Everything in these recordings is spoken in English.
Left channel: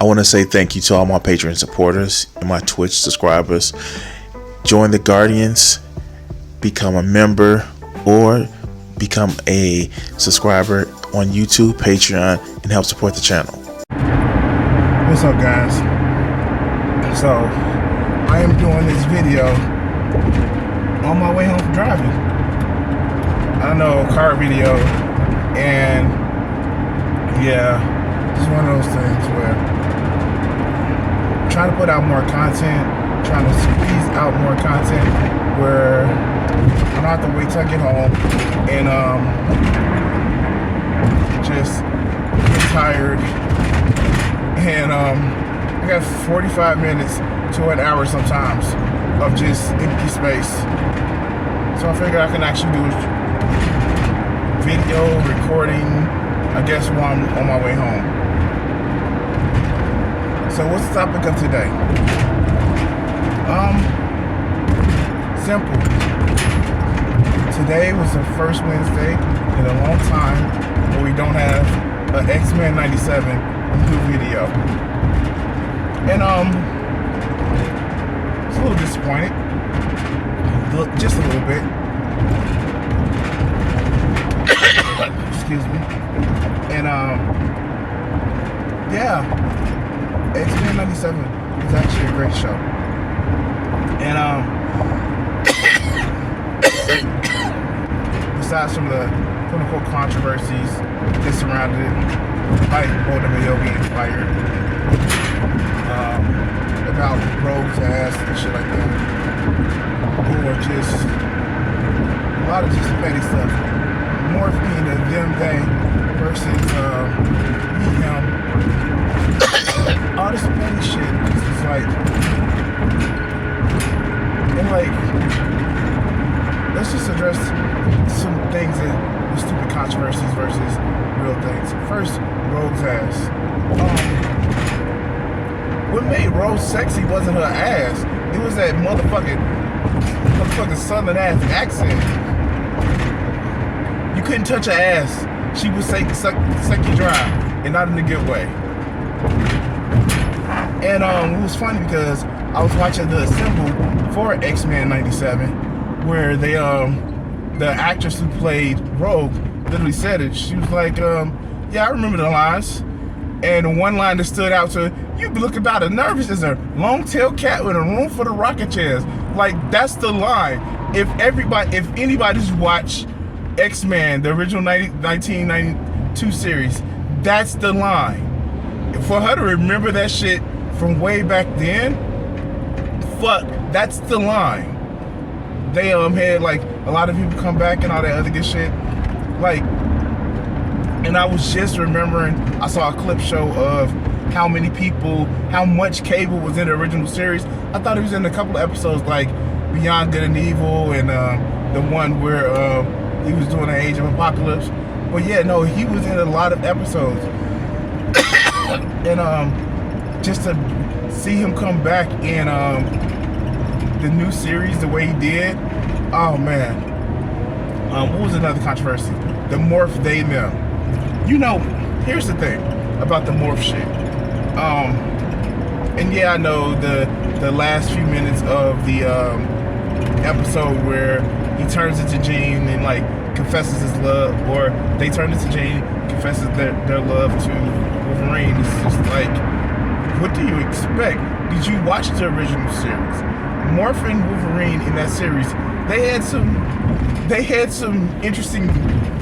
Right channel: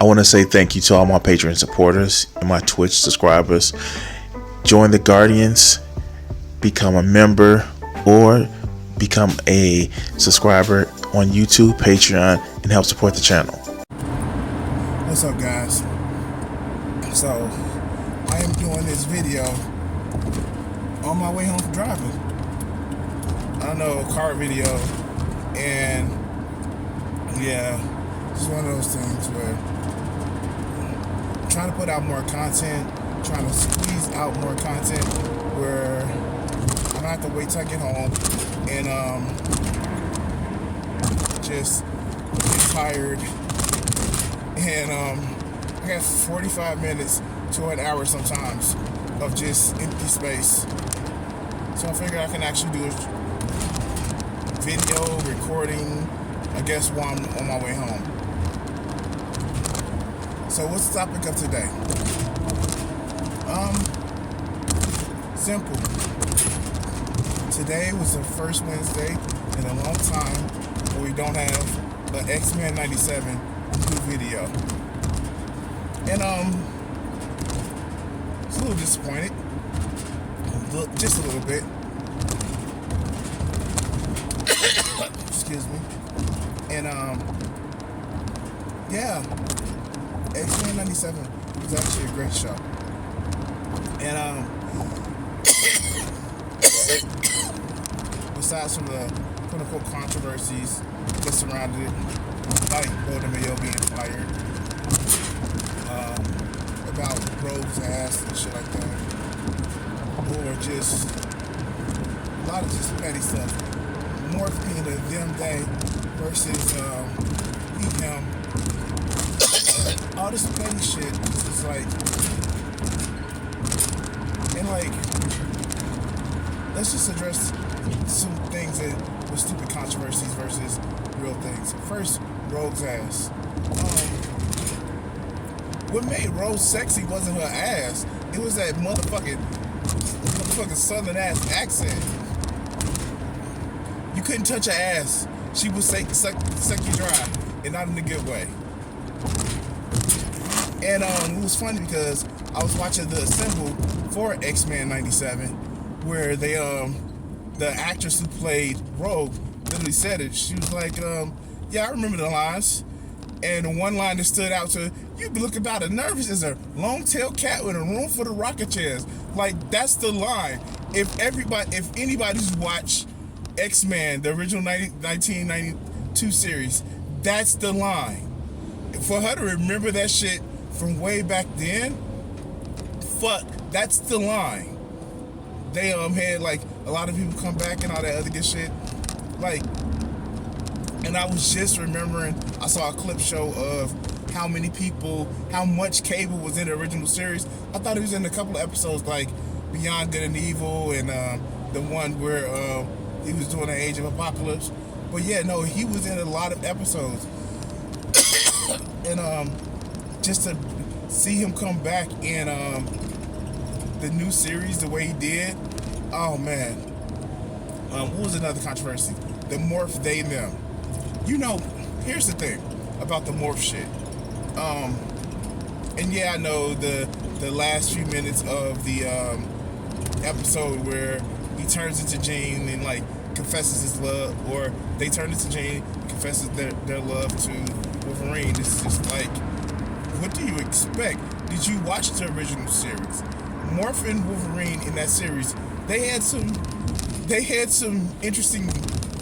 I want to say thank you to all my Patreon supporters and my Twitch subscribers. Join the Guardians, become a member, or become a subscriber on YouTube, Patreon, and help support the channel. What's up, guys? So, I am doing this video on my way home from driving. I know, car video, and yeah, it's one of those things where I'm trying to put out more content, trying to squeeze out more content where I don't have to wait till I get home and just get tired. And I got 45 minutes to an hour sometimes of just empty space. So I figured I can actually do video recording, I guess, while I'm on my way home. So what's the topic of today? Simple. Today was the first Wednesday in a long time where we don't have an Xmen 97 new video. And it's a little disappointed. Just a little bit. Excuse me. And yeah, Xmen 97 was actually a great show. And besides some of the quote-unquote controversies that surrounded it, like Dubby being fired, about Rogue's ass and shit like that, or just a lot of just petty stuff, morphine and them thing versus me, him, all this petty shit is like, and like, let's just address some things that were stupid controversies versus real things. First, Rogue's ass. What made Rose sexy wasn't her ass. It was that motherfucking southern ass accent. You couldn't touch her ass. She would suck you dry, and not in a good way. And it was funny because I was watching the assemble for Xmen 97, where they the actress who played Rogue literally said it. She was like, yeah, I remember the lines. And one line that stood out to her, you look about as nervous as a long-tailed cat with a room full of rocking chairs. Like, that's the line. If anybody's watched X-Men, the original 1992 series, that's the line. For her to remember that shit from way back then, fuck, that's the line. They had like a lot of people come back and all that other good shit. Like, and I was just remembering, I saw a clip show of how much Cable was in the original series. I thought he was in a couple of episodes like Beyond Good and Evil and the one where he was doing the Age of Apocalypse. But yeah, no, he was in a lot of episodes. And just to see him come back in the new series the way he did, oh man. What was another controversy? The morph they them. You know, here's the thing about the morph shit. And yeah, I know the last few minutes of the episode where he turns into Jean and like confesses his love, or they turn into Jean, confesses their love to Wolverine. It's just like, what do you expect? Did you watch the original series? Morph and Wolverine in that series, they had some interesting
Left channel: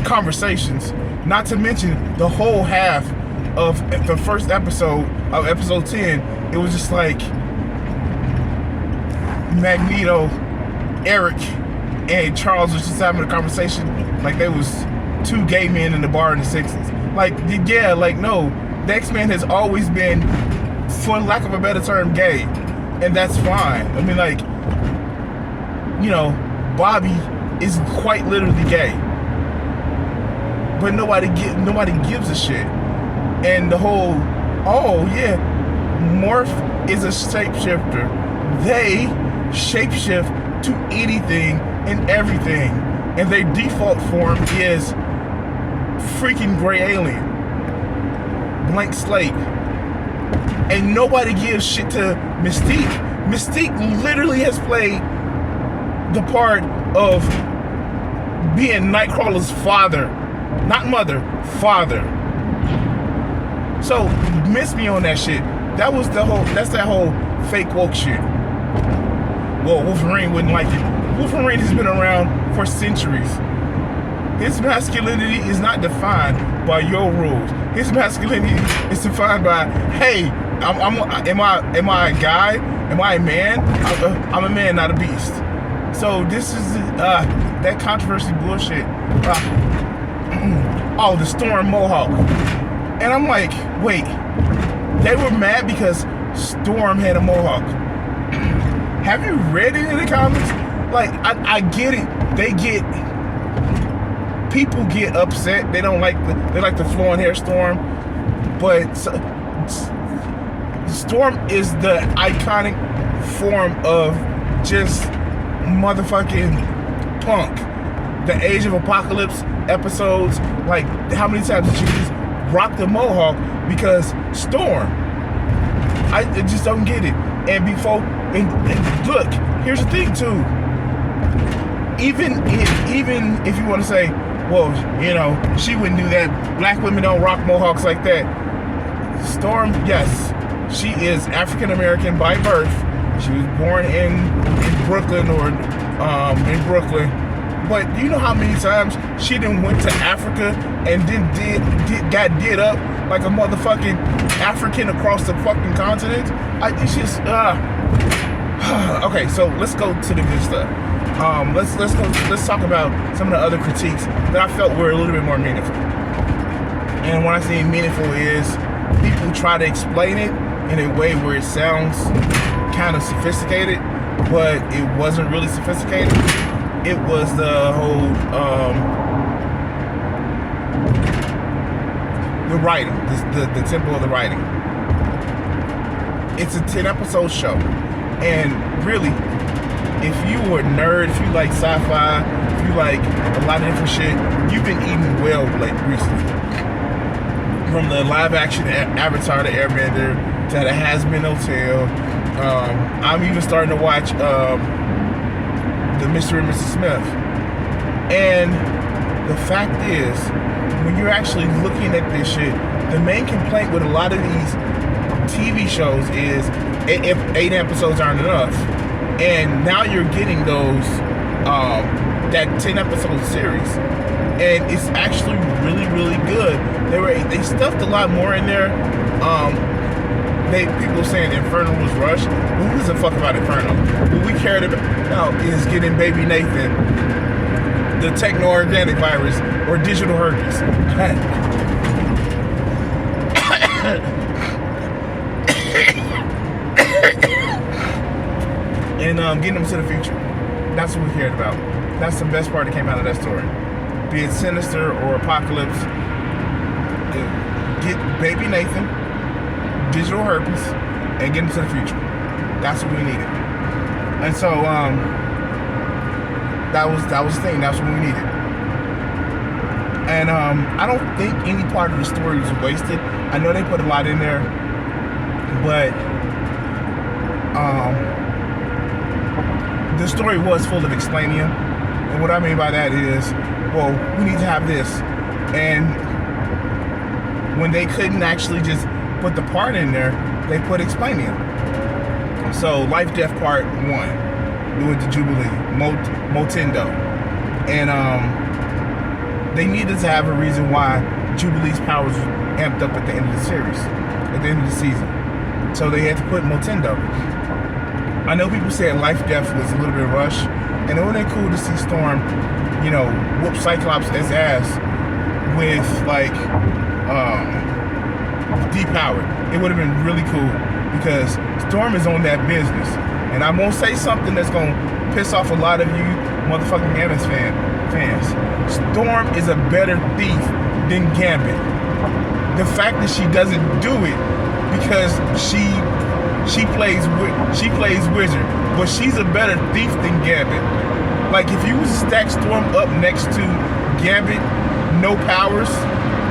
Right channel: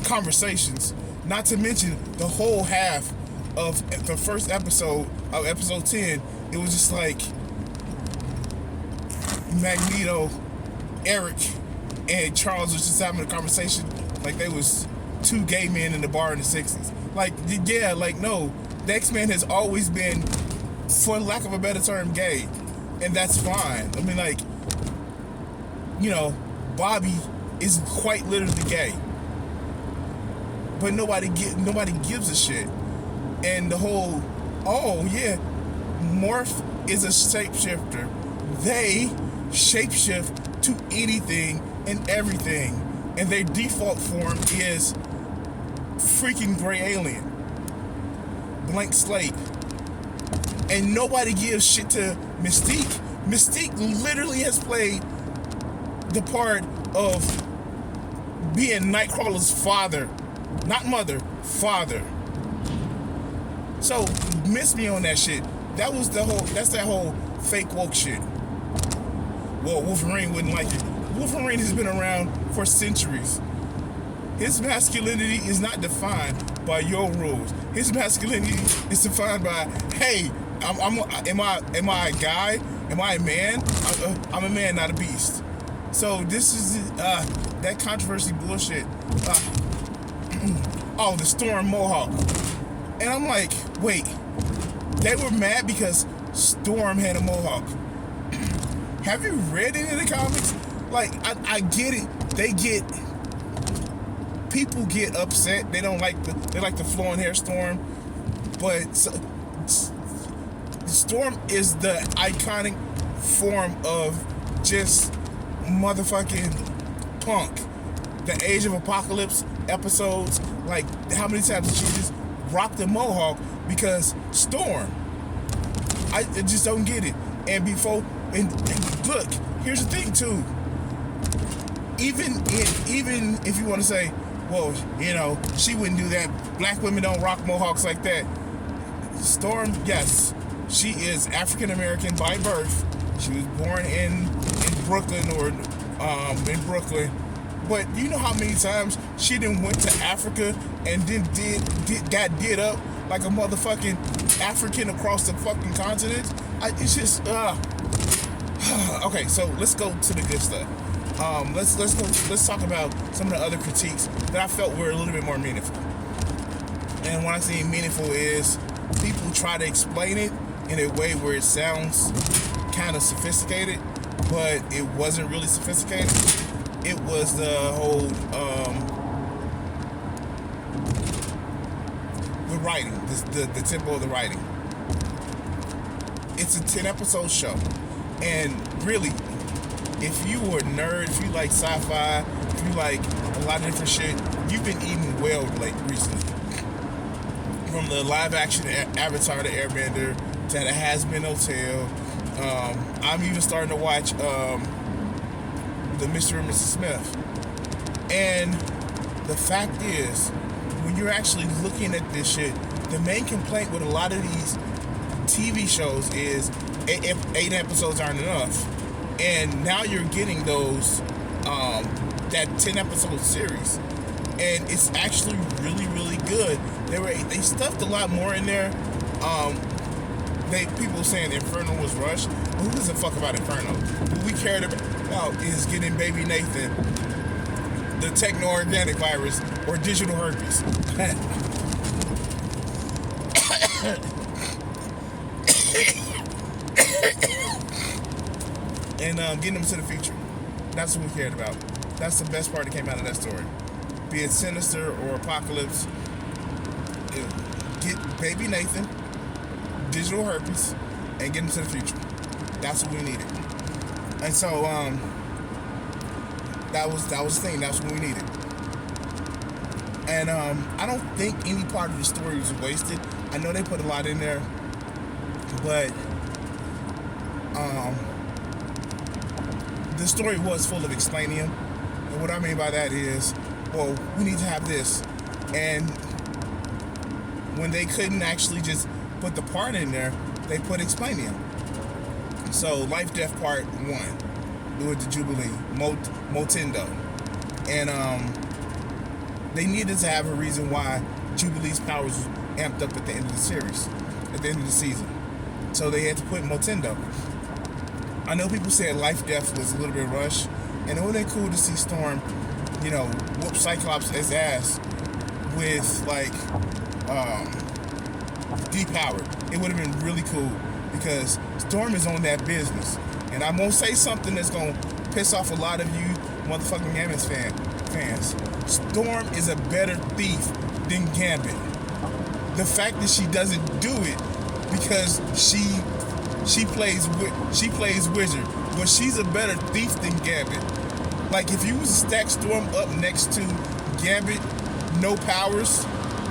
conversations. Not to mention the whole half of the first episode of episode 10, it was just like Magneto, Eric, and Charles was just having a conversation like they was two gay men in the bar in the 60s. Like, yeah, like, no, the X-Men has always been, for lack of a better term, gay. And that's fine. I mean, like, you know, Bobby is quite literally gay. But nobody gives a shit. And the whole, oh yeah, Morph is a shapeshifter. They shapeshift to anything and everything. And their default form is freaking gray alien. Blank slate. and nobody gives shit to Mystique. Mystique literally has played the part of being Nightcrawler's father, not mother, father. So miss me on that shit. That's that whole fake woke shit. Well, Wolverine wouldn't like it. Wolverine has been around for centuries. His masculinity is not defined by your rules. His masculinity is defined by, hey, am I a guy? Am I a man? I'm a man, not a beast. So this is that controversy bullshit. Oh, the Storm Mohawk. And I'm like, wait, they were mad because Storm had a Mohawk. Have you read any of the comics? Like, I get it. People get upset. They don't like the flowing hair Storm. But Storm is the iconic form of just motherfucking punk. The Age of Apocalypse episodes, like, how many times did you just rock the Mohawk because Storm? I just don't get it. And look, here's the thing too. Even if you want to say, well, you know, she wouldn't do that. Black women don't rock Mohawks like that. Storm, yes, she is African American by birth. She was born in Brooklyn in Brooklyn. But do you know how many times she done went to Africa and then got did up like a motherfucking African across the fucking continent? It's just okay. So let's go to the good stuff. Let's talk about some of the other critiques that I felt were a little bit more meaningful. And what I say meaningful is people try to explain it in a way where it sounds kind of sophisticated, but it wasn't really sophisticated. It was the whole the writing, the tempo of the writing. It's a 10-episode show, and really, if you were a nerd, if you like sci-fi, if you like a lot of different shit, you've been eating well recently. From the live-action Avatar to Airbender to the Has-Been Hotel, I'm even starting to watch the Mr. and Mrs. Smith. And the fact is, when you're actually looking at this shit, the main complaint with a lot of these TV shows is if 8 episodes aren't enough. And now you're getting those that 10-episode series, and it's actually really, really good. They stuffed a lot more in there. People saying Inferno was rushed. Who gives a fuck about Inferno? What we cared about is getting baby Nathan the techno-organic virus or digital herpes. And getting them to the future. That's what we cared about. That's the best part that came out of that story. Be it Sinister or Apocalypse, get baby Nathan, digital herpes, and get him to the future. That's what we needed. And so that was the thing. That's what we needed. And I don't think any part of the story was wasted. I know they put a lot in there, but the story was full of explaining. And what I mean by that is, well, we need to have this. And when they couldn't actually just put the part in there, they put explaining. So Life Death Part 1, doing the Jubilee, Motendo. And they needed to have a reason why Jubilee's powers were amped up at the end of the series, at the end of the season. So they had to put Motendo. I know people said Life Death was a little bit rushed, and it would have been cool to see Storm, you know, whoop Cyclops' ass with, like, depowered. It would have been really cool, because Storm is on that business. And I'm going to say something that's going to piss off a lot of you motherfucking Gambit fans. Storm is a better thief than Gambit. The fact that she doesn't do it because she plays wizard, but she's a better thief than Gambit. Like, if you stack Storm up next to Gambit, no powers,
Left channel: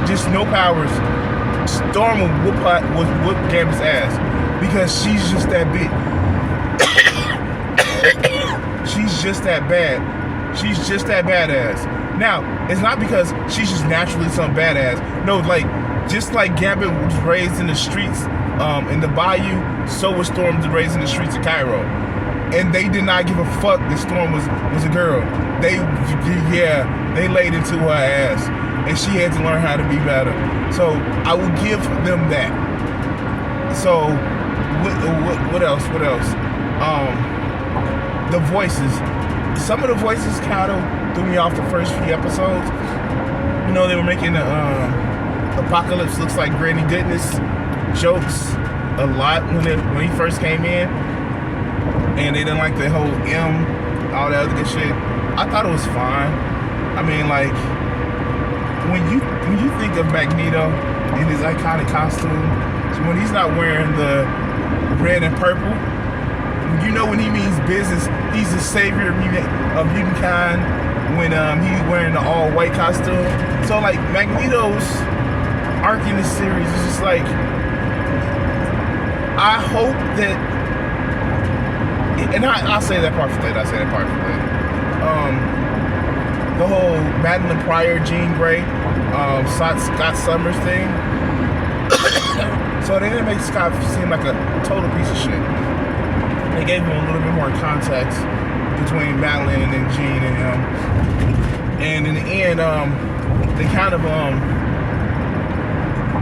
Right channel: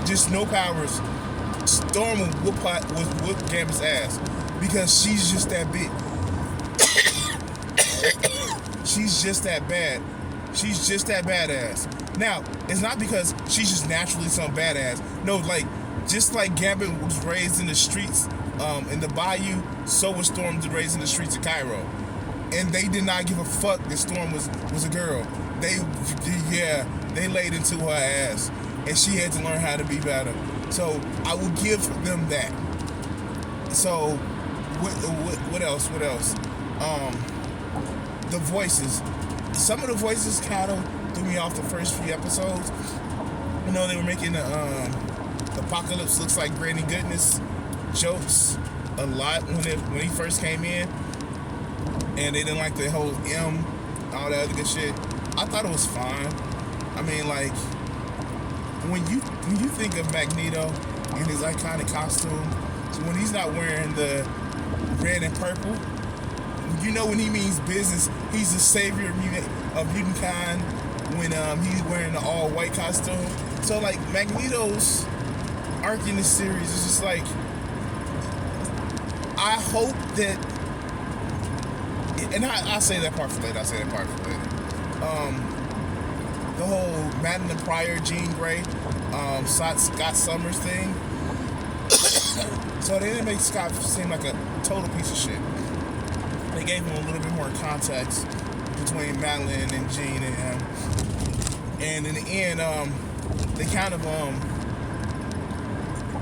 just no powers, Storm would whoop Gambit's ass because she's just that big. She's just that bad. She's just that badass. Now, it's not because she's just naturally some badass. No, like, just like Gambit was raised in the streets in the Bayou, so was Storm raised in the streets of Cairo. And they did not give a fuck that Storm was a girl. They laid into her ass. And she had to learn how to be better. So I will give them that. So what else? The voices. Some of the voices kind of threw me off the first few episodes. You know, they were making the Apocalypse looks like Granny Goodness jokes a lot when he first came in. And they didn't like the whole all that other good shit. I thought it was fine. I mean, like, when you think of Magneto in his iconic costume, when he's not wearing the red and purple, you know when he means business, he's the savior of humankind when he's wearing the all-white costume. So, like, Magneto's arc in this series is just like, I hope that, and I'll say that part for later, the whole Madeline Pryor, Jean Grey, Scott Summers thing. So they didn't make Scott seem like a total piece of shit. They gave him a little bit more context between Madeline and Jean and him. And in the end, they kind of,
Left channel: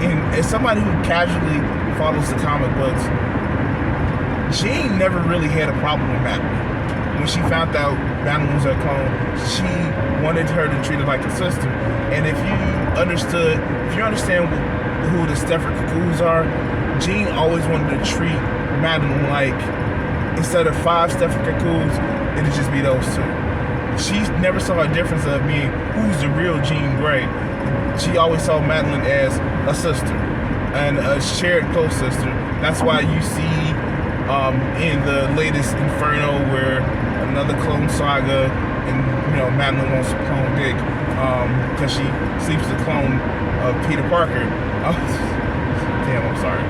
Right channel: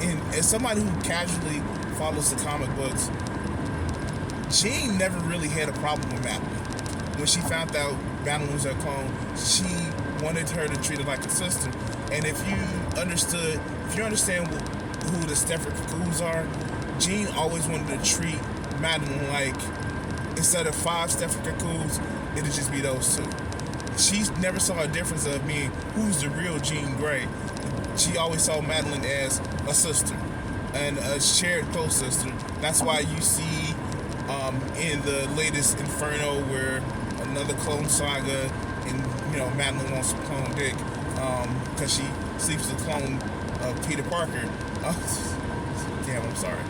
and as somebody who casually follows the comic books, Jean never really had a problem with Madeline. When she found out Madeline was her clone, she wanted her to treat her like a sister. And if you understand who the Stepford Cuckoos are, Jean always wanted to treat Madeline like, instead of 5 Stepford Cuckoos, it'd just be those 2. She never saw a difference of being who's the real Jean Grey. She always saw Madeline as a sister and a shared close sister. That's why you see in the latest Inferno where another clone saga, and Madeline wants to clone Dick because she sleeps to clone Peter Parker. Damn, I'm sorry.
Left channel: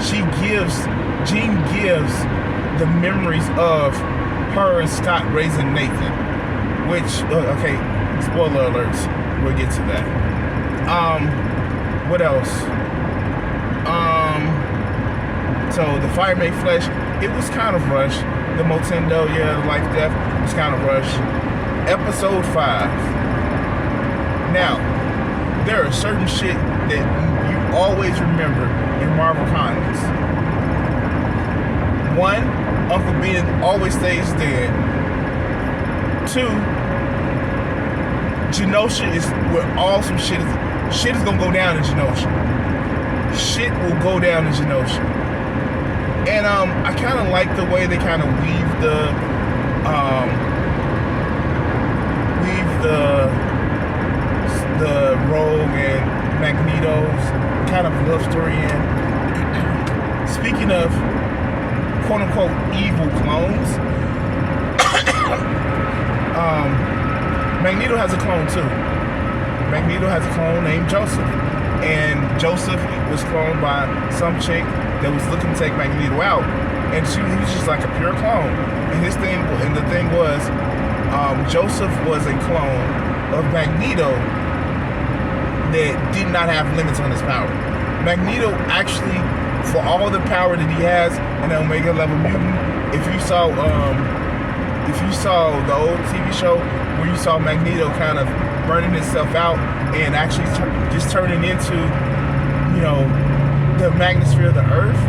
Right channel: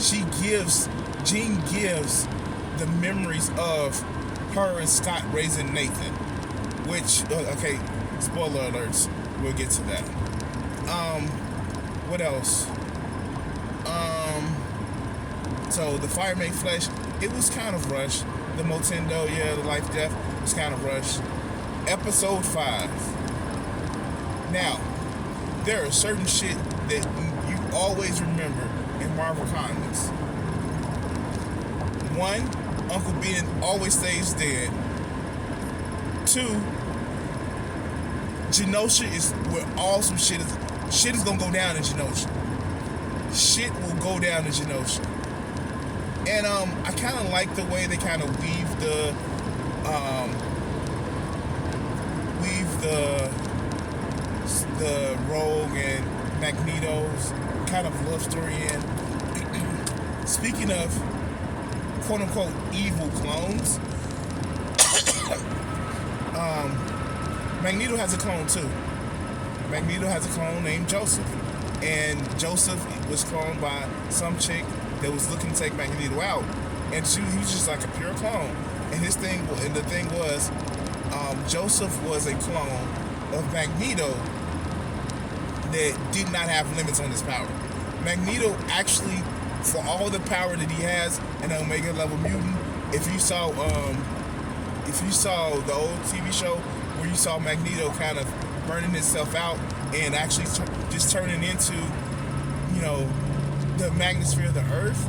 Jean gives the memories of her and Scott raising Nathan, which, okay, spoiler alerts, we'll get to that. What else? So the Fire Made Flesh, it was kind of rushed. The Motendo, the Life Death was kind of rushed. Episode 5. Now, there are certain shit that you always remember in Marvel Comics. 1, Uncle Ben always stays dead. 2, Genosha is where all some shit is gonna go down in Genosha. Shit will go down in Genosha. And I kind of like the way they kind of weave the Rogue and Magneto's kind of love story in. Speaking of quote-unquote evil clones, Magneto has a clone too. Magneto has a clone named Joseph. And Joseph was cloned by some chick that was looking to take Magneto out. And he was just like a pure clone. And the thing was, Joseph was a clone of Magneto that did not have limits on his power. Magneto actually, for all the power that he has in an Omega level mutant, if you saw the old TV show where you saw Magneto kind of burning himself out and actually just turning into, the magnosphere of the Earth.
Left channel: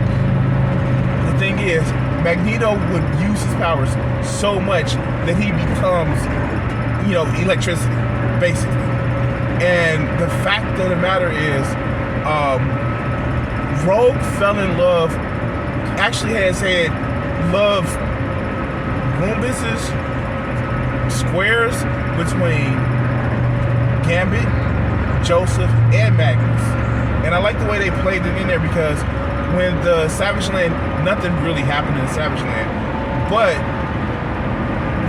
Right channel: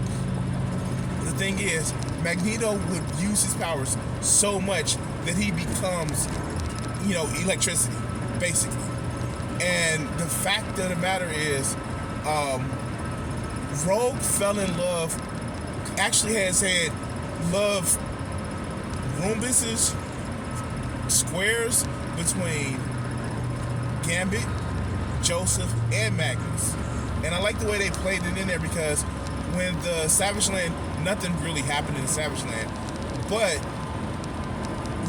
The thing is, Magneto would use his powers so much that he becomes, electricity, basically. And the fact of the matter is, Rogue fell in love, actually has had love rumbuses, squares between Gambit, Joseph, and Magnus. And I like the way they played it in there because when the Savage Land, nothing really happened in Savage Land, but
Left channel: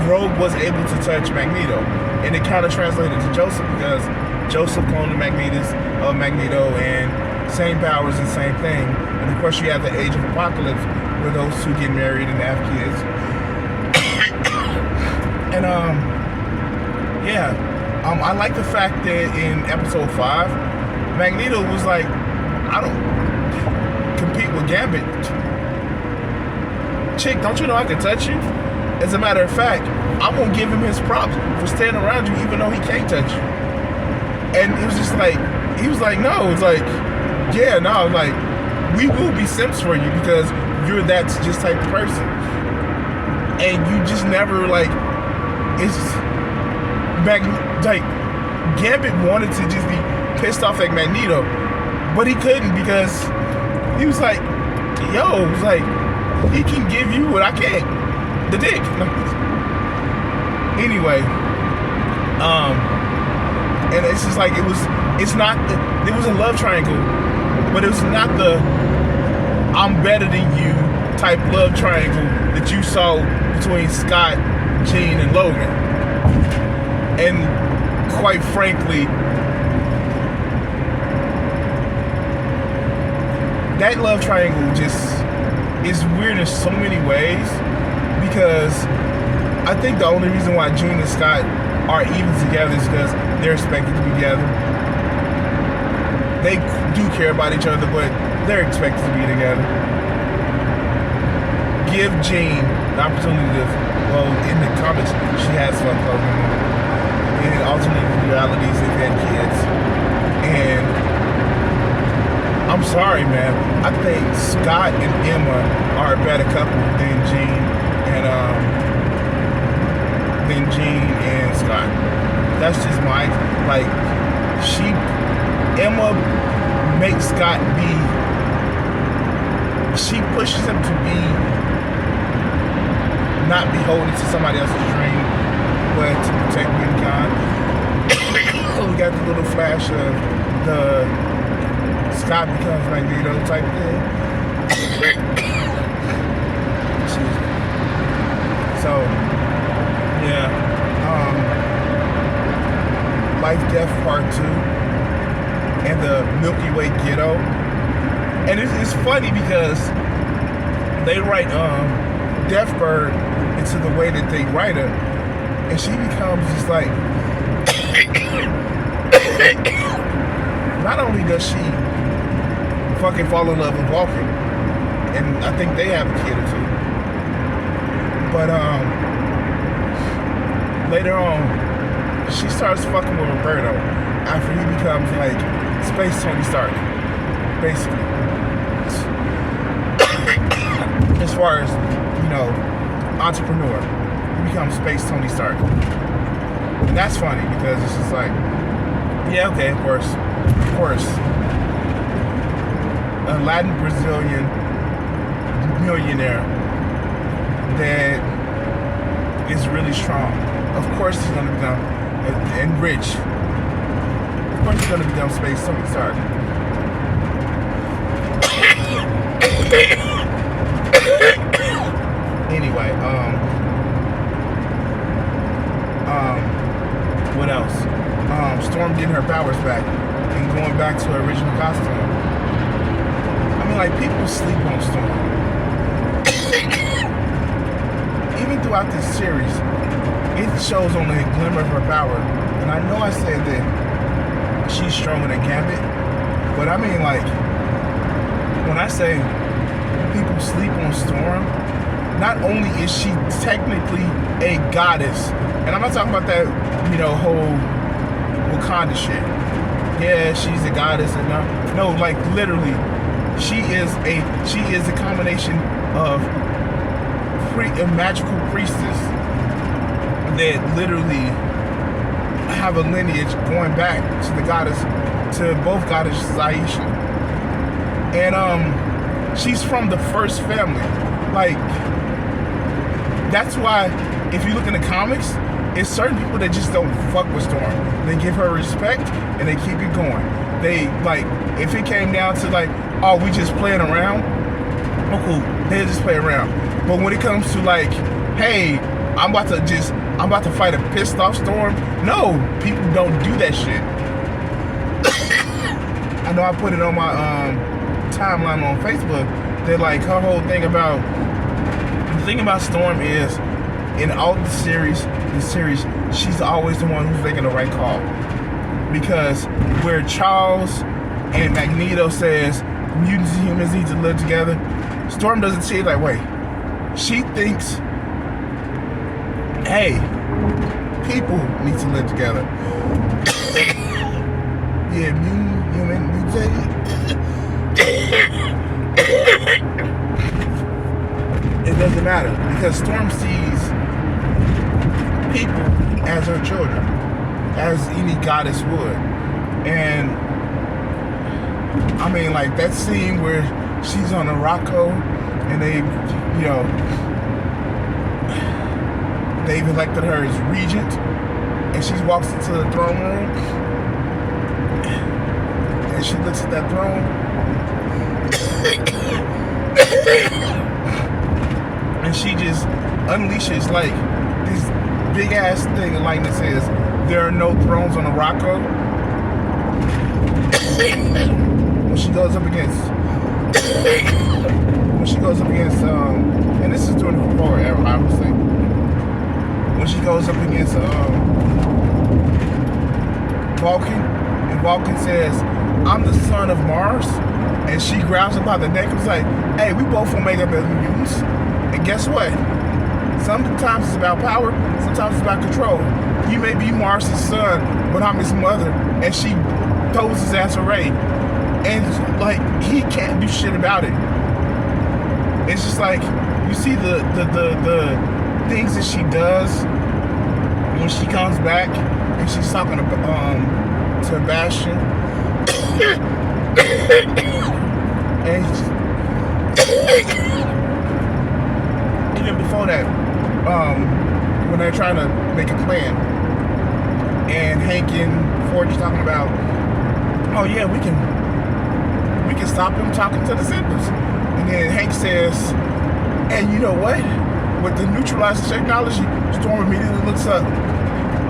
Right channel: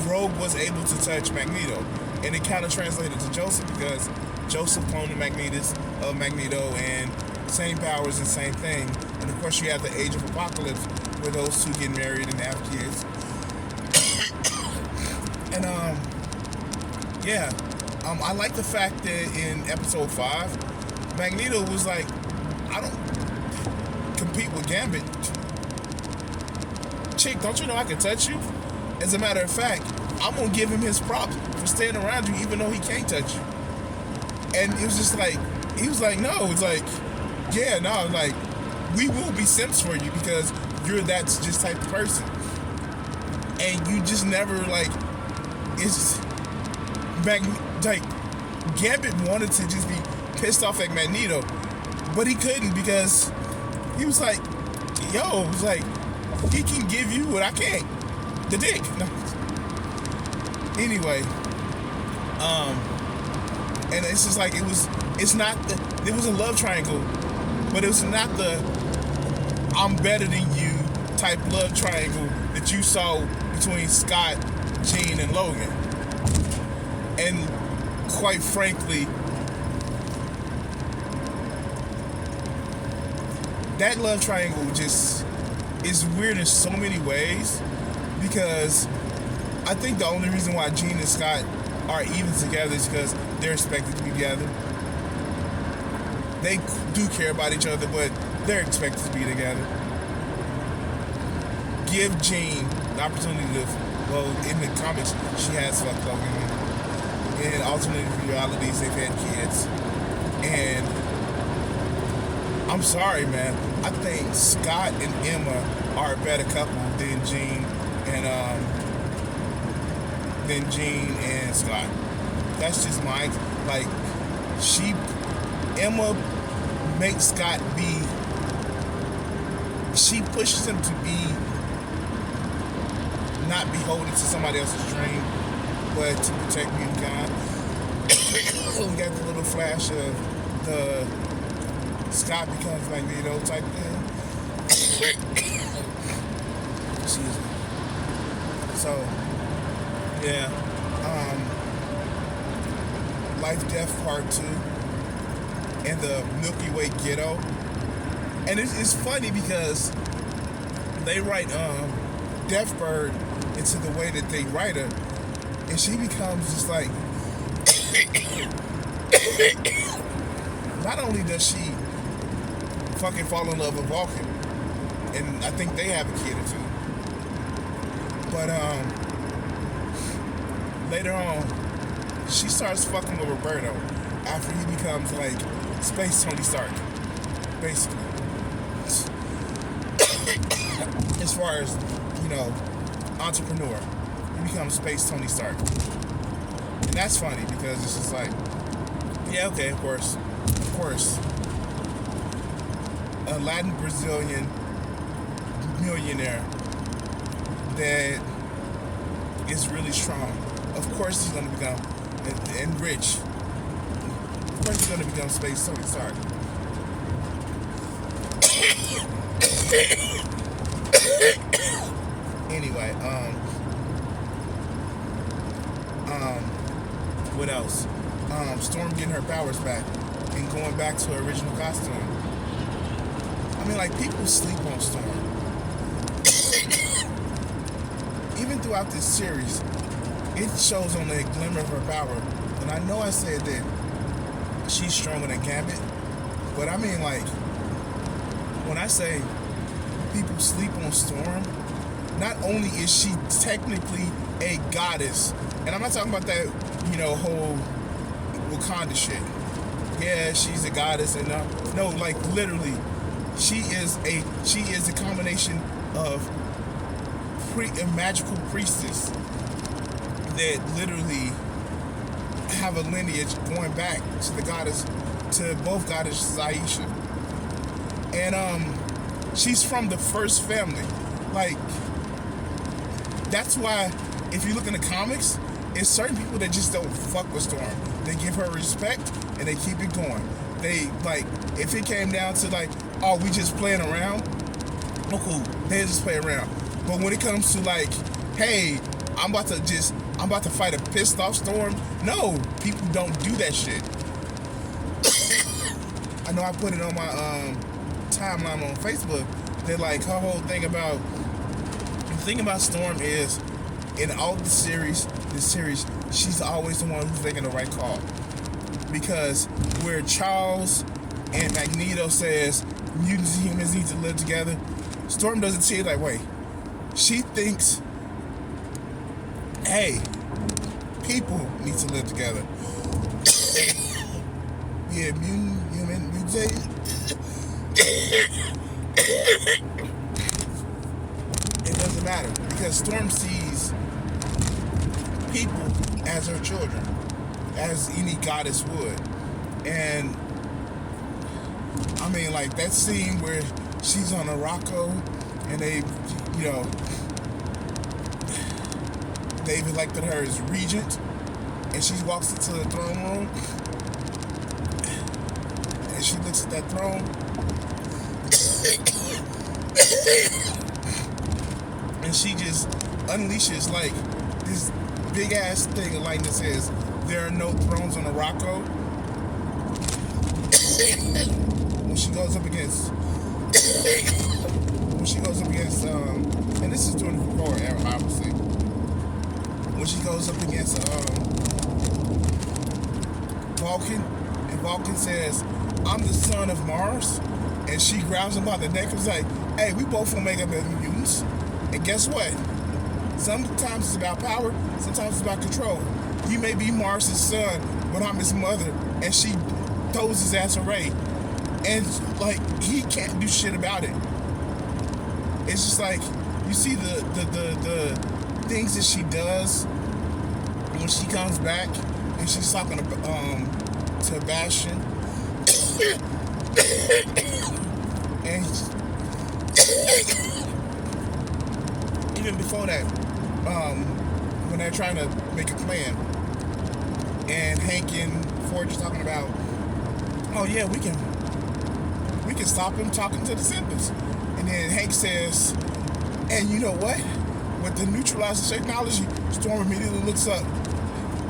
Rogue was able to touch Magneto. And it kind of translated to Joseph because Joseph cloned Magneto, and same powers and same thing. And of course, you have the Age of Apocalypse, where those two get married and have kids. And yeah, I like the fact that in episode 5, Magneto was like, I don't compete with Gambit. Chick, don't you know I can touch you? As a matter of fact, I'm gonna give him his props for staying around you even though he can't touch you. And it was just like, he was like, no, it's like, yeah, no, like, we will be simps for you because you're that just type of person. And you just never, like, it's like, Gambit wanted to just be pissed off at Magneto, but he couldn't because he was like, yo, it's like, he can give you what I can't, the dick. Anyway, and it's just like, it was a love triangle, but it was not the I'm better than you type love triangle that you saw between Scott, Jean, and Logan. And quite frankly, that love triangle just is weird in so many ways, because I think the only reason why Jean and Scott are even together is because they're expected to be together. They do care about each other, but they're expected to be together. Give Jean the opportunity to, well, in the comics, she has fucked Logan. In alternate realities, they've had kids. And I'm sorry, man. I think Scott and Emma are a better couple than Jean and Scott. That's just my, like, Emma makes Scott she pushes him to be not beholden to somebody else's dream, but to protect mankind. We got the little flash of the Scott becomes Magneto type thing. Excuse me. So, yeah. Life Death Part 2 and the Milky Way Ghetto. And it's funny because they write Deathbird into the way that they write her, and she becomes just like not only does she fucking fall in love with Walker, and I think they have a kid or two, but later on she starts fucking with Roberto after he becomes like Space Tony Stark, basically. As far as, you know, entrepreneur, he becomes Space Tony Stark. And that's funny because it's just like, yeah, okay, of course. A Latin Brazilian millionaire that is really strong. Of course he's gonna become, and rich. Of course he's gonna become Space Tony Stark. Anyway, what else? Storm getting her powers back and going back to her original costume. I mean, like, people sleep on Storm. Even throughout this series, it shows only a glimmer of her power. And I know I said that she's stronger than Gambit, but I mean, like, when I say people sleep on Storm, not only is she technically a goddess, and I'm not talking about that, you know, whole Wakanda shit. Yeah, she's a goddess, and no, like, literally, she is a combination of a magical priestess that literally have a lineage going back to the goddess, to both goddess Aisha, and she's from the first family. Like, that's why if you look in the comics, it's certain people that just don't fuck with Storm. They give her respect and they keep it going. They, like, if it came down to like, oh, we just playing around, oh cool, they just play around. But when it comes to like, hey, I'm about to fight a pissed off Storm, no, people don't do that shit. I know I put it on my timeline on Facebook that like her whole thing about the thing about Storm is in all the series, she's always the one who's making the right call. Because where Charles and Magneto says mutants and humans need to live together, Storm doesn't see it that way. She thinks, hey, people need to live together. Yeah, mutant, human, mutant. It doesn't matter because Storm sees people as her children, as any goddess would. And I mean, like that scene where she's on a Rocco and they've elected her as regent, and she walks into the throne room and she looks at that throne and she just unleashes like this big ass thing of lightning that says there are no thrones on the Rocco. When she goes up against and this is during the war era, obviously. When she goes up against Vulcan, and Vulcan says, I'm the son of Mars, and she grabs him by the neck and was like, hey, we both will make up as mutants. And guess what? Sometimes it's about power, sometimes it's about control. You may be Mars' son, but I'm his mother, and she throws his ass away. And like he can't do shit about it. It's just like you see the things that she does when she comes back and she's talking to Bastion. And even before that, when they're trying to make a plan, and Hank and Forge are talking about, oh yeah, we can stop him talking to the Senders. And then Hank says, and you know what? With the neutralizing technology, Storm immediately looks up.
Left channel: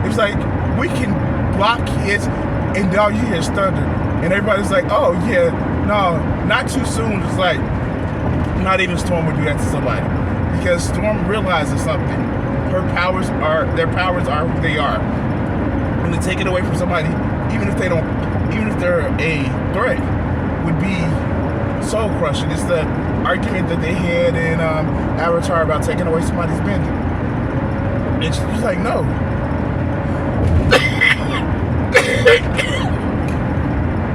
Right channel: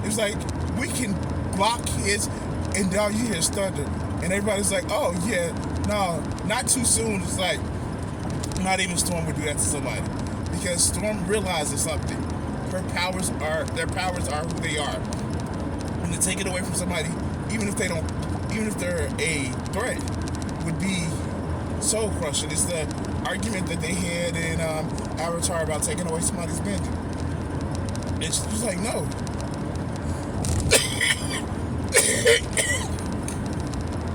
It's like, we can block his, and all you hear is thunder. And everybody's like, oh yeah, no, not too soon. It's like, not even Storm would do that to somebody. Because Storm realizes something. Their powers are who they are. When they take it away from somebody, even if they're a threat, would be soul crushing. It's the argument that they had in Avatar about taking away somebody's bending. It's just like, no.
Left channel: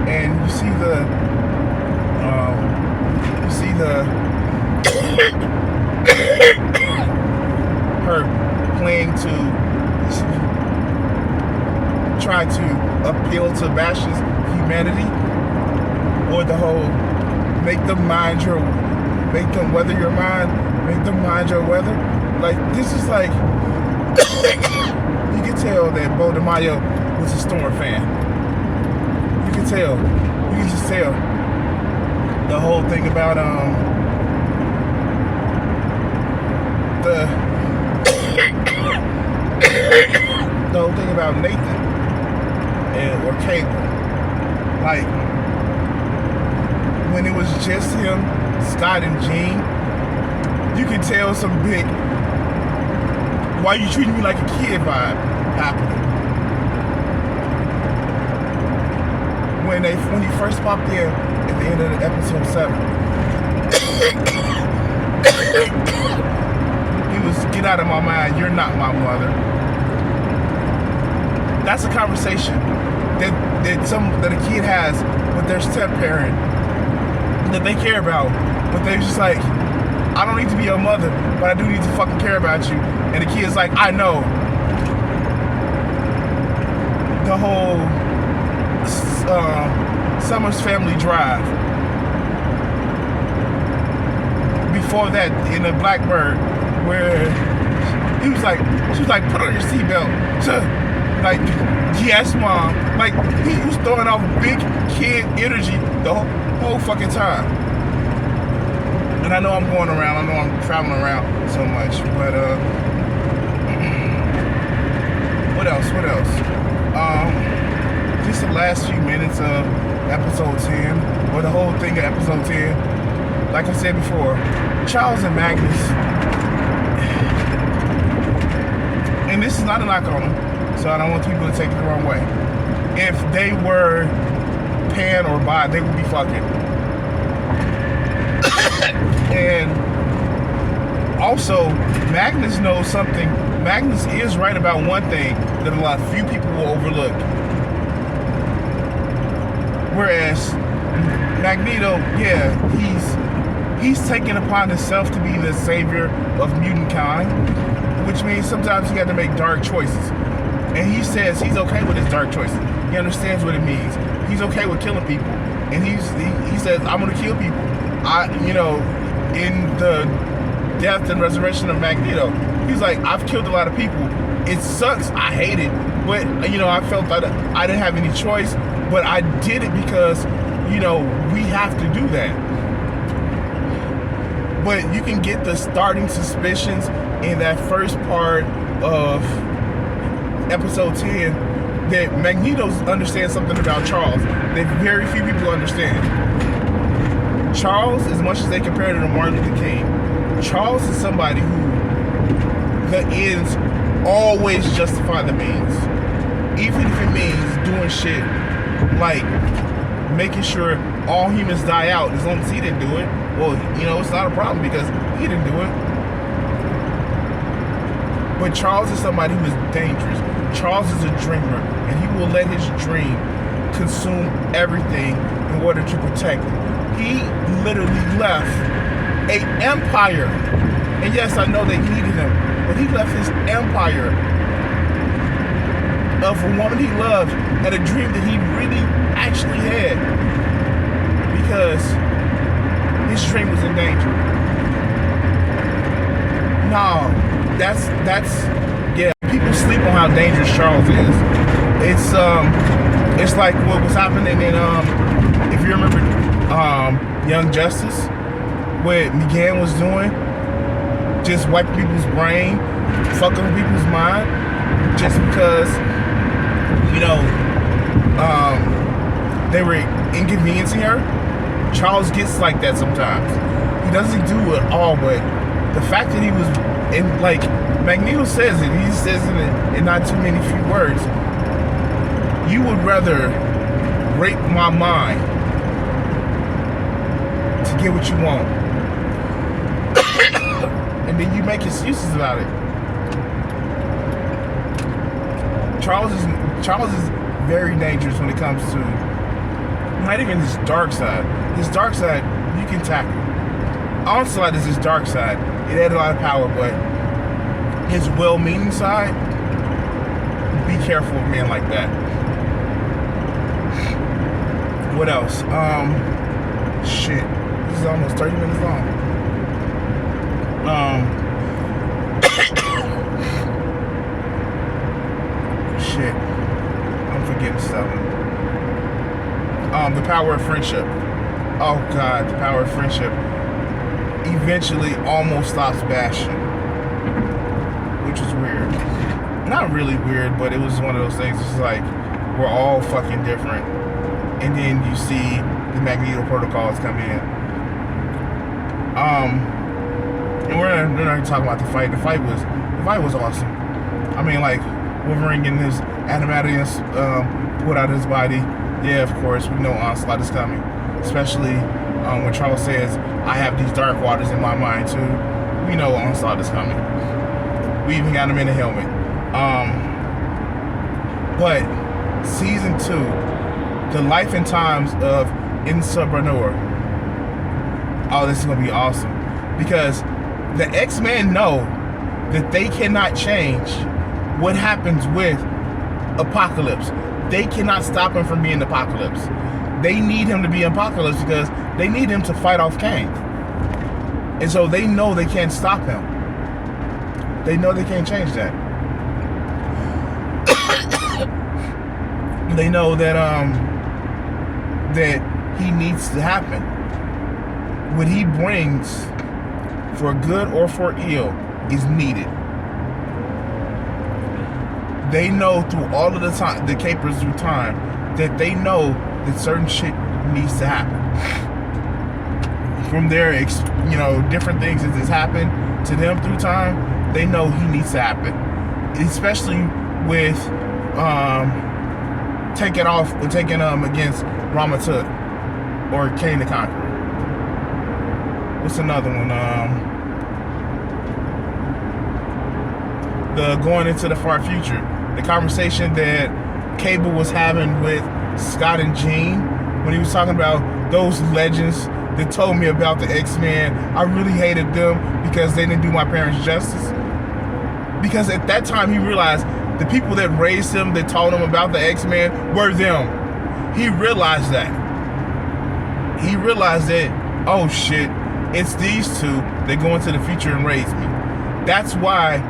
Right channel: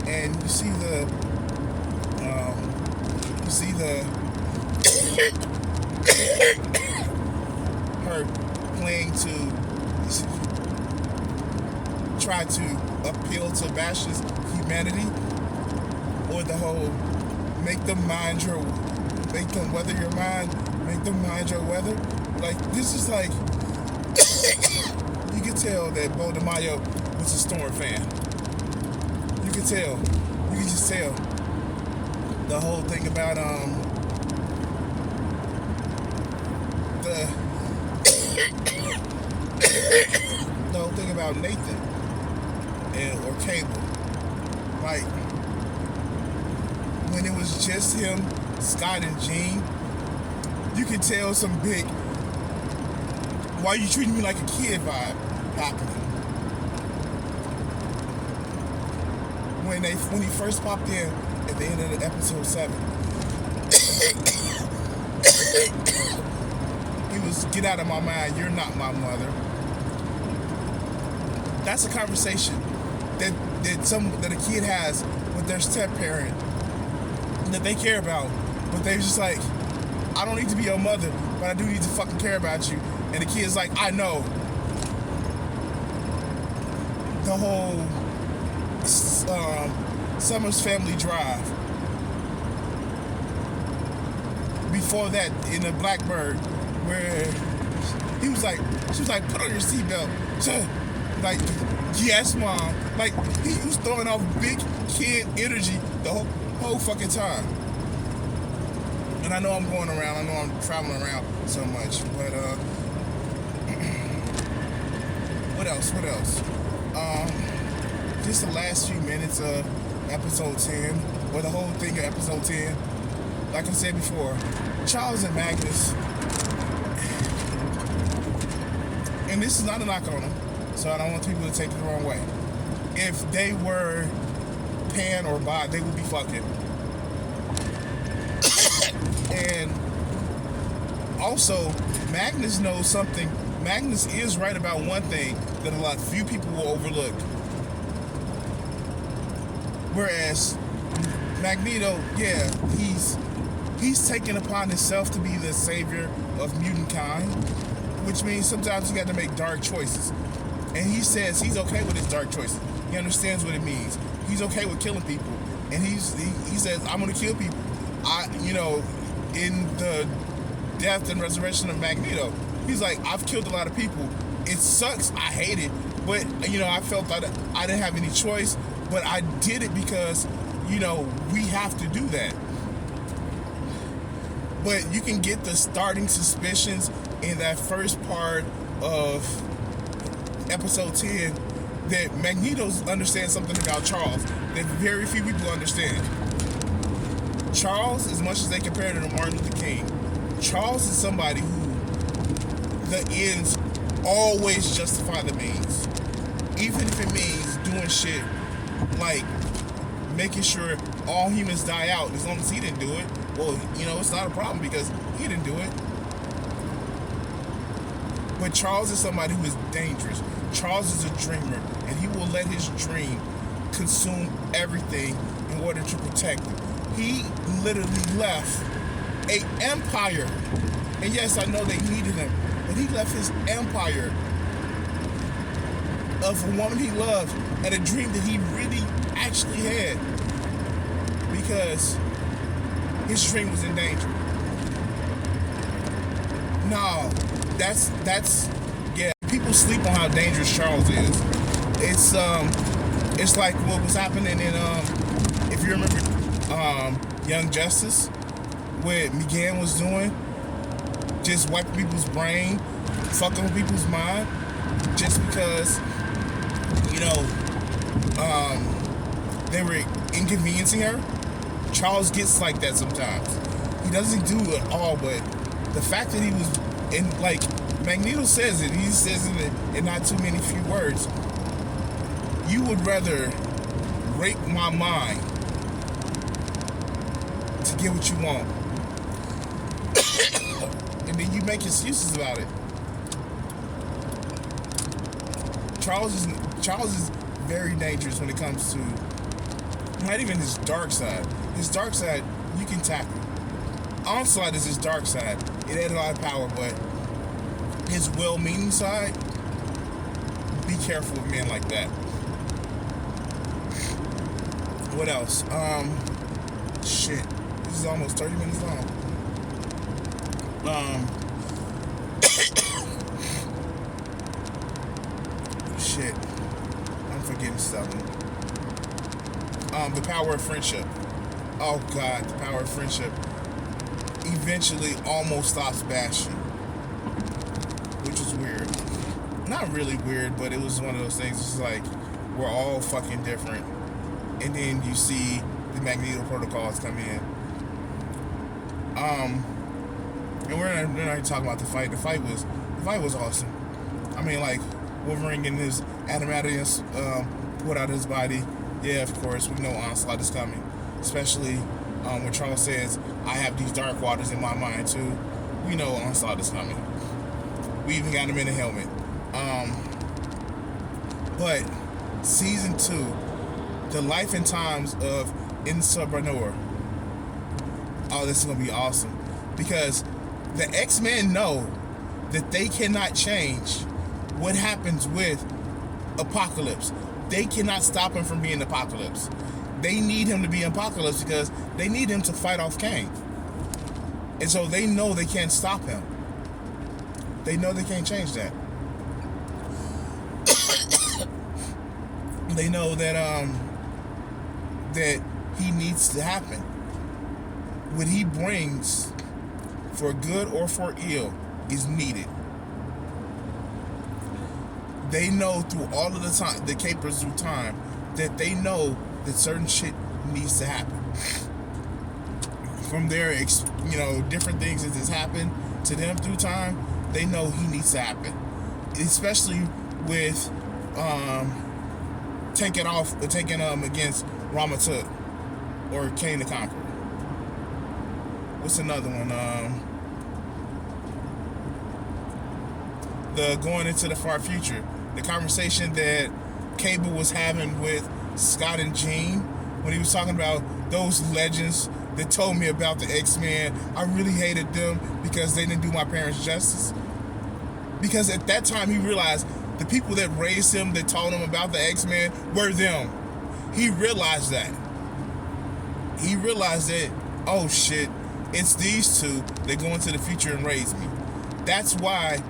And you see her playing to try to appeal to Bastion's humanity, or the whole make them weather your mind, make them mind your weather. Like, this is like, you can tell that Bo DeMaio was a Storm fan. You can just tell. The whole thing about the whole thing about Nathan or Cable. Like, when it was just him, Scott and Jean, you could tell some big, why you treating me like a kid vibe happening. When he first popped in at the end of the episode 7, he was, get out of my mind, you're not my mother. That's a conversation that a kid has with their step parent that they care about, but they're just like, I don't need to be your mother, but I do need to fucking care about you. And the kid's like, I know. The whole Summer's Family Drive. Before that, in the Blackbird, where she was like, put on your seatbelt. Like, yes, mom. Like, he was throwing off big kid energy the whole fucking time. And I know I'm going around, I know I'm traveling around so much, but what else? Just the last few minutes of episode 10, or the whole thing of episode 10. Like I said before, Charles and Magnus, and this is not a knock on them, so I don't want people to take it the wrong way. If they were pan or bi, they would be fucking. And also, Magnus knows something. Magnus is right about one thing that a lot few people will overlook. Whereas Magneto, yeah, he's taken upon himself to be the savior of mutant kind, which means sometimes he had to make dark choices. And he says he's okay with his dark choices. He understands what it means. He's okay with killing people. And he says, I'm gonna kill people. In the death and resurrection of Magneto, he's like, I've killed a lot of people. It sucks. I hate it. But, I felt that I didn't have any choice. But I did it because, we have to do that. But you can get the starting suspicions in that first part of episode 10 that Magneto understands something about Charles that very few people understand. Charles, as much as they compare to Martin Luther King, Charles is somebody who the ends always justify the means. Even if it means doing shit like making sure all humans die out, as long as he didn't do it, well, it's not a problem because he didn't do it. But Charles is somebody who is dangerous. Charles is a dreamer, and he will let his dream consume everything in order to protect it. He literally left an empire. And yes, I know they needed him, but he left his empire of a woman he loved and a dream that he really actually had because his dream was in danger. No, that's yeah. People sleep on how dangerous Charles is. It's like what was happening in if you remember Young Justice, what McGann was doing, just wiping people's brain, fucking people's mind, just because they were inconveniencing her. Charles gets like that sometimes. He doesn't do it all, but the fact that he was in, like Magneto says it, he says it in not too many few words. You would rather rape my mind to get what you want. And then you make excuses about it. Charles is very dangerous when it comes to not even his dark side. His dark side, you can tackle. Onslaught is his dark side. It had a lot of power, but his well-meaning side, be careful of a man like that. What else? Shit. This is almost 30 minutes long. Shit. I'm forgetting something. The power of friendship. Oh God, the power of friendship eventually almost stops Bastion, which is weird. Not really weird, but it was one of those things. It's like we're all fucking different, and then you see the Magneto protocols come in. And we're not gonna talk about the fight. The fight was awesome. I mean, like Wolverine getting his adamantium put out of his body. Yeah, of course, we know Onslaught is coming. Especially when Charles says, I have these dark waters in my mind too. We know Onslaught is coming. We even got him in a helmet. But season 2, the life and times of Insubranor. Oh, this is gonna be awesome. Because the Xmen know that they cannot change what happens with Apocalypse. They cannot stop him from being Apocalypse. They need him to be Apocalypse because they need him to fight off Kang. And so they know they can't stop him. They know they can't change that. They know that that he needs to happen. What he brings, for good or for ill, is needed. They know through all of the time, the capers through time, that they know that certain shit needs to happen. From there, different things that has happened to them through time, they know he needs to happen. Especially with taking against Ramatut or Cain the Conqueror. What's another one? The going into the far future. The conversation that Cable was having with Scott and Jean when he was talking about those legends that told me about the X-Men. I really hated them because they didn't do my parents justice. Because at that time he realized the people that raised him, that taught him about the X-Men, were them. He realized that. He realized that, oh shit, it's these two that go into the future and raise me. That's why,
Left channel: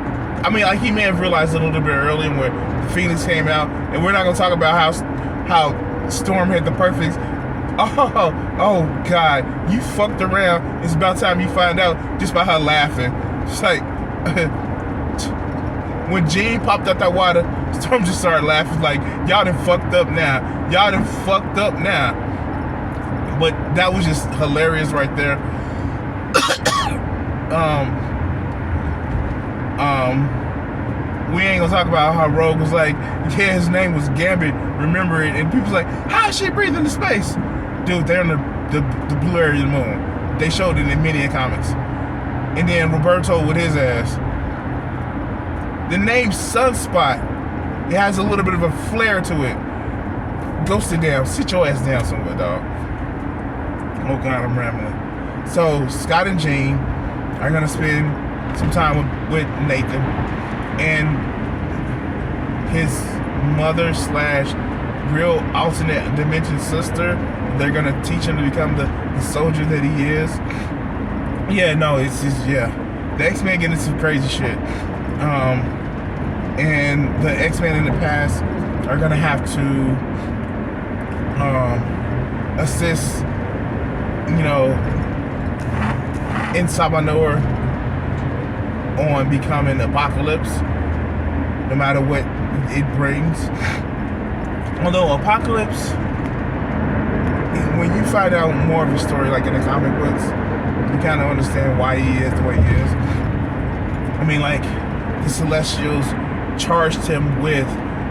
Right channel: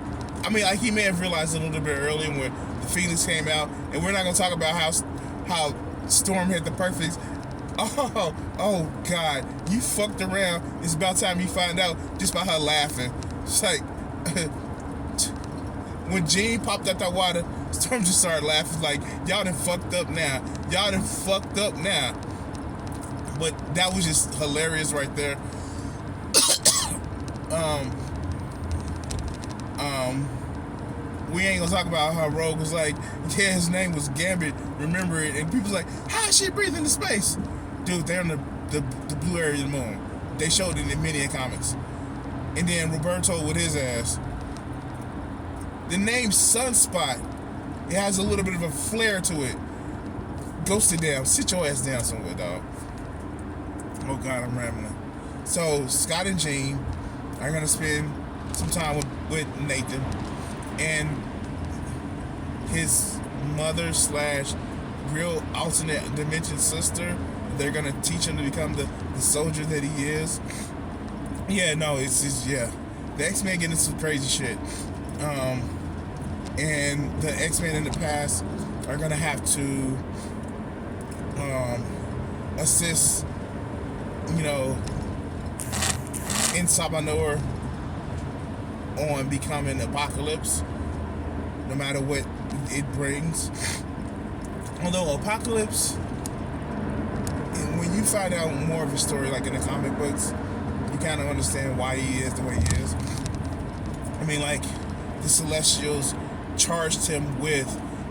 he may have realized it a little bit earlier when the Phoenix came out, and we're not gonna talk about how Storm had the perfect. Oh God, you fucked around. It's about time you find out just by her laughing. It's like when Jean popped out that water, Storm just started laughing like, y'all done fucked up now. Y'all done fucked up now. But that was just hilarious right there. We ain't gonna talk about how Rogue was like, yeah, his name was Gambit, remember it, and people's like, how is she breathing into space? Dude, they're in the blue area of the moon. They showed it in many comics. And then Roberto with his ass. The name Sunspot, it has a little bit of a flair to it. Go sit down, sit your ass down somewhere, dog. Oh God, I'm rambling. So Scott and Jean are gonna spend some time with Nathan and his mother / real alternate dimension sister. They're gonna teach him to become the soldier that he is. Yeah, no, it's just, yeah. The X-Men get into some crazy shit. And the X-Men in the past are gonna have to assist, in Sabanor on becoming Apocalypse, no matter what it brings. Although Apocalypse, when you find out more of his story, like in the comic books, you kind of understand why he is the way he is. The Celestials charged him with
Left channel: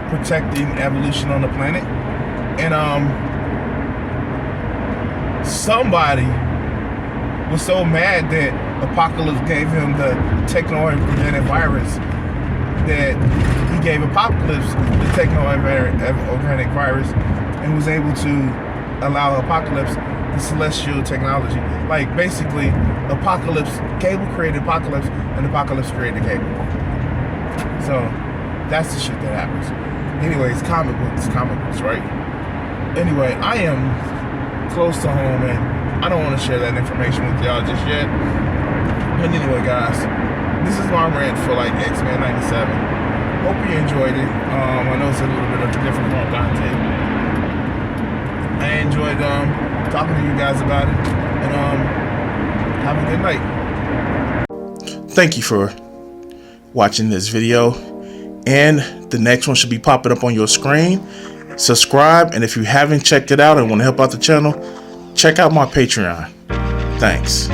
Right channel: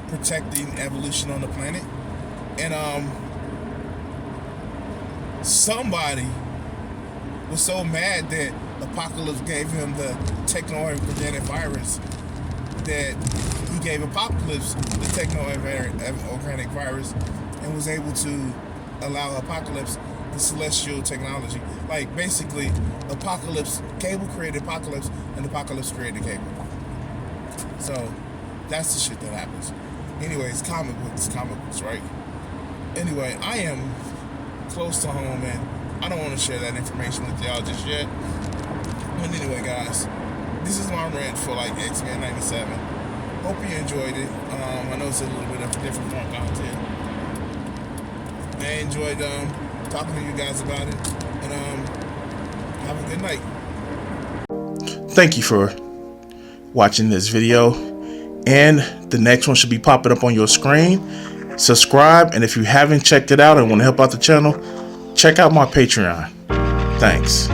protecting evolution on the planet, and somebody was so mad that Apocalypse gave him the techno-organic virus that he gave Apocalypse the techno-organic virus and was able to allow Apocalypse the celestial technology. Like, basically, Cable created Apocalypse, and Apocalypse created Cable. So, that's the shit that happens. Anyways, comic books, right? Anyway, I am close to home, and I don't want to share that information with y'all just yet. But anyway, guys, this is my rant for Xmen 97. Hope you enjoyed it. I know it's a little bit of different form content. I enjoyed talking to you guys about it, and have a good night. Thank you for watching this video, and the next one should be popping up on your screen. Subscribe, and if you haven't checked it out and want to help out the channel, check out my Patreon. Thanks.